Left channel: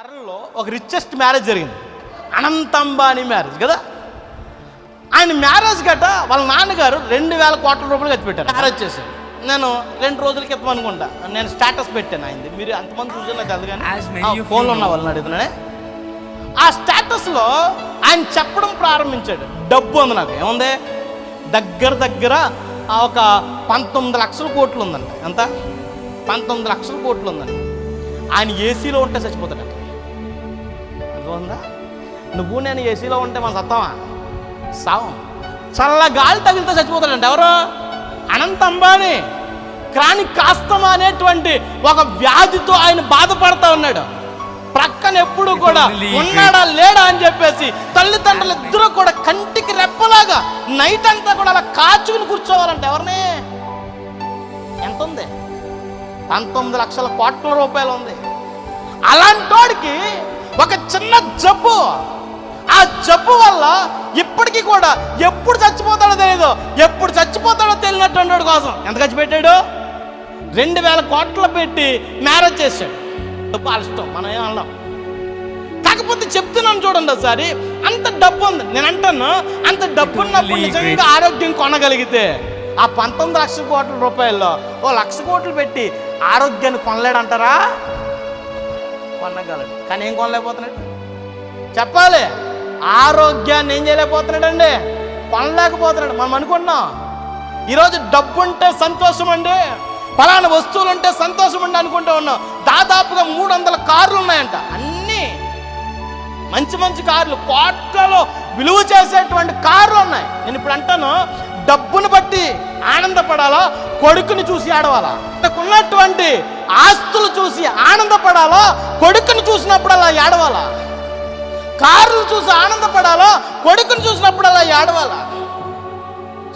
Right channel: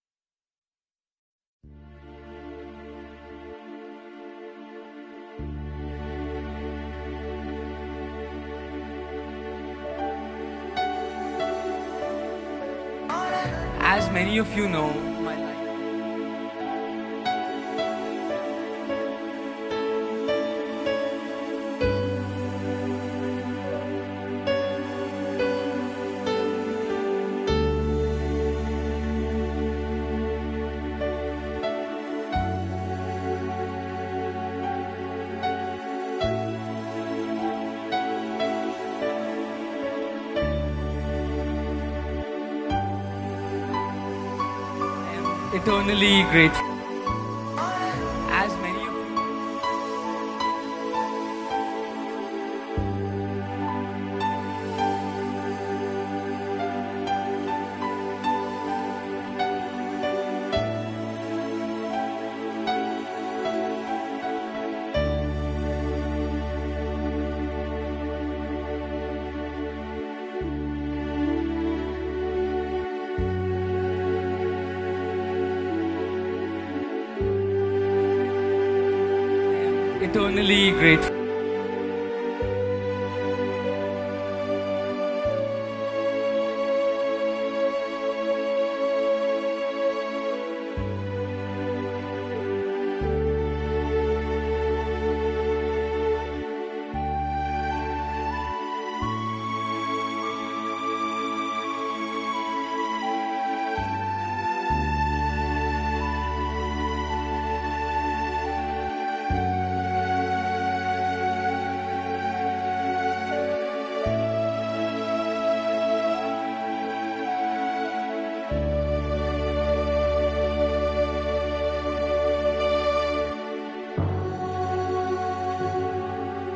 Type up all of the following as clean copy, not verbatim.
ఫారెన్లో ఒక richest marriage జరిగింది. అనంత అంబానీ మ్యారేజ్ కదా. ఆయన మ్యారేజ్ గట్ట వాళ్ళ నాన్నగారు 2,000 కోట్ల రూపాయలు ఖర్చు పెట్టారు మ్యారేజ్ చేసి. నేను 2 రోజుల క్రితం అనుకుంటా నేను స్టేటస్ పెట్టాను అయింది. మీరు అంతమంది చూసిన ఫోన్లో ఉన్న వాళ్ళని అడుగుతున్నానే. ఆ స్టేటస్లో ఆయన చెప్పడం ప్రారంభించాడు. డబ్బు ఉంది నాకు ఏముంది, దగ్గర ఒక 19 లక్షల కోట్లు ఉందండి. ఎంత 19 లక్షల కోట్లు ఉందండి. ఆయన ఏసీలో ఉంటే చచ్చిపోతాడంట. ఉందా నువ్వు నేను ఏసీలో ఉంటే మనం సత్తామా సావం. చల్ల గాలి తగిలితే చచ్చిపోతాడంట. ఎవరు? అనంత అంబానీ. క్రానిక్ ఆస్తమా అనేటువంటి ఒక వ్యాధితో ఆయన బాధపడతా ఉన్నాడు. ప్రక్కన ఎప్పుడు కూడా ఉన్నాడా లేడా అని చెప్పేసి తల్లిదండ్రులు ఇద్దరు కూడా కంటికి రెప్పలాగా నైట్ అంతా కూడా అలా కాచుకుని కూర్చోవాలంటే ఎవరిని? ఎంత ఉంది? 19 లక్షల కోట్ల రూపాయలు ఉంది. అలాంటోడికి ఒక చిన్న జబ్బు, ఆ జబ్బు వల్ల ఇప్పటికీ కూడా ఎప్పుడు చచ్చిపోతాడో తెలియదు, ఎప్పుడు చచ్చిపోతాడో తెలియనటువంటి కోసం ఎంత ఖర్చు పెట్టాడు? 2,000 కోట్లు పెట్టి మ్యారేజ్ చేశాడు. వాళ్ళ ఇష్టం, మనం ఏమన్నాం. కాకపోతే చెప్తున్నాను చూడండి ఒకసారి, అంత డబ్బు ఉంది. నేను అంటాను అంత డబ్బు ఉన్నప్పుడు ఆరోగ్యం కొనగలిగితే ఆ 19 లక్షల కోట్ల రూపాయల్లో 1,00,000 కోట్లు పెట్టి ఆరోగ్యాన్ని కొనలేడంటారా? కొనగలడు. కానీ ఏం కొనలేకపోతున్నాడు చెప్పాలి. ఆరోగ్యాన్ని ఏం చేయలేకపోతున్నాడండి, కొనలేకపోతున్నాడు. మనం అనుకుంటున్నాం ఈరోజు డబ్బు ఉంటే సంతోషం అండి, ఫలానా వస్తువులు ఉంటే సంతోషం అండి అనుకుంటూ ఉన్నాం. దాదాపుగా 300 కార్లు ఉన్నాయంట. అన్నీ మంచి మంచి కార్లు, కోట్లలో విలువ చేసేటువంటి కార్లు ఉన్నాయి. నేను ఇప్పుడు అంటాను, డబ్బును బట్టి ఆనందపడాలా, కొడుకుని చూసి ఆడవాలా? ఉన్నటువంటి ఆస్తులు చూసి ఆనందపడాలా, కొడుకుని చూసినప్పుడు అలా ఏడవాలా? కార్లు చూసి ఆనందపడాలా, కొడుకుని చూసినప్పుడు అలా ఏడవాలా?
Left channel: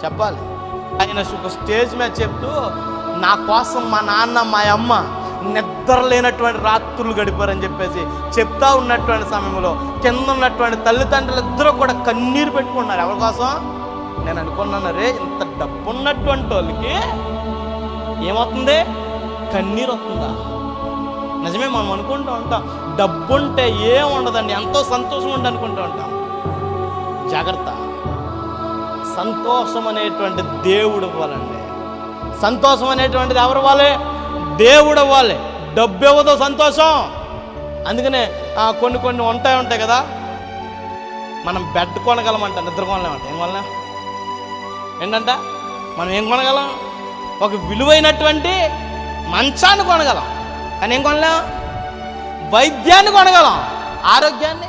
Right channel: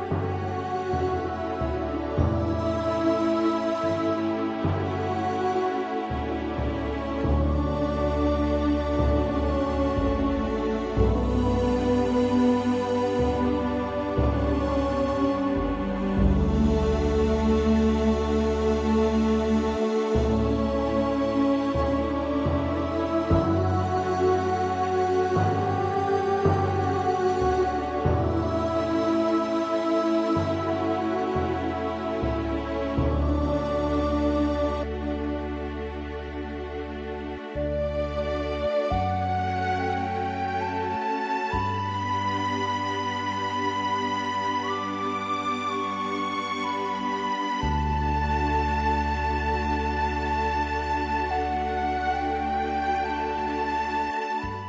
చెప్పాలి. ఆయన ఒక స్టేజ్ మీద చెప్తూ, నా కోసం మా నాన్న మా అమ్మ నిద్ర లేనటువంటి రాత్రులు గడిపారని చెప్పేసి చెప్తా ఉన్నటువంటి సమయంలో కింద ఉన్నటువంటి తల్లిదండ్రులు ఇద్దరు కూడా కన్నీరు పెట్టుకున్నారు. ఎవరి కోసం? నేను అనుకున్నాను, రే ఇంత డబ్బు ఉన్నటువంటి వాళ్ళకి ఏమవుతుంది? కన్నీరు వస్తుందా? నిజమే, మనం అనుకుంటూ ఉంటాం డబ్బుంటే ఏం ఉండదండి, ఎంతో సంతోషం ఉంటుంది అనుకుంటూ ఉంటాం. జాగ్రత్త. సంతోషం అనేటువంటి దేవుడు ఇవ్వాలండి. సంతోషం అనేటువంటిది ఎవరు ఇవ్వాలి? దేవుడు ఇవ్వాలి. డబ్బు ఇవ్వదు సంతోషం. అందుకనే కొన్ని ఉంటాయి కదా, మనం బెడ్ కొనగలమంట, నిద్ర కొనలేమంట. ఏం వల్ల ఏంటంట? మనం ఏం కొనగలం? ఒక విలువైనటువంటి మంచాన్ని కొనగలం, కానీ ఏం కొనలేం? వైద్యాన్ని కొనగలం, ఆరోగ్యాన్ని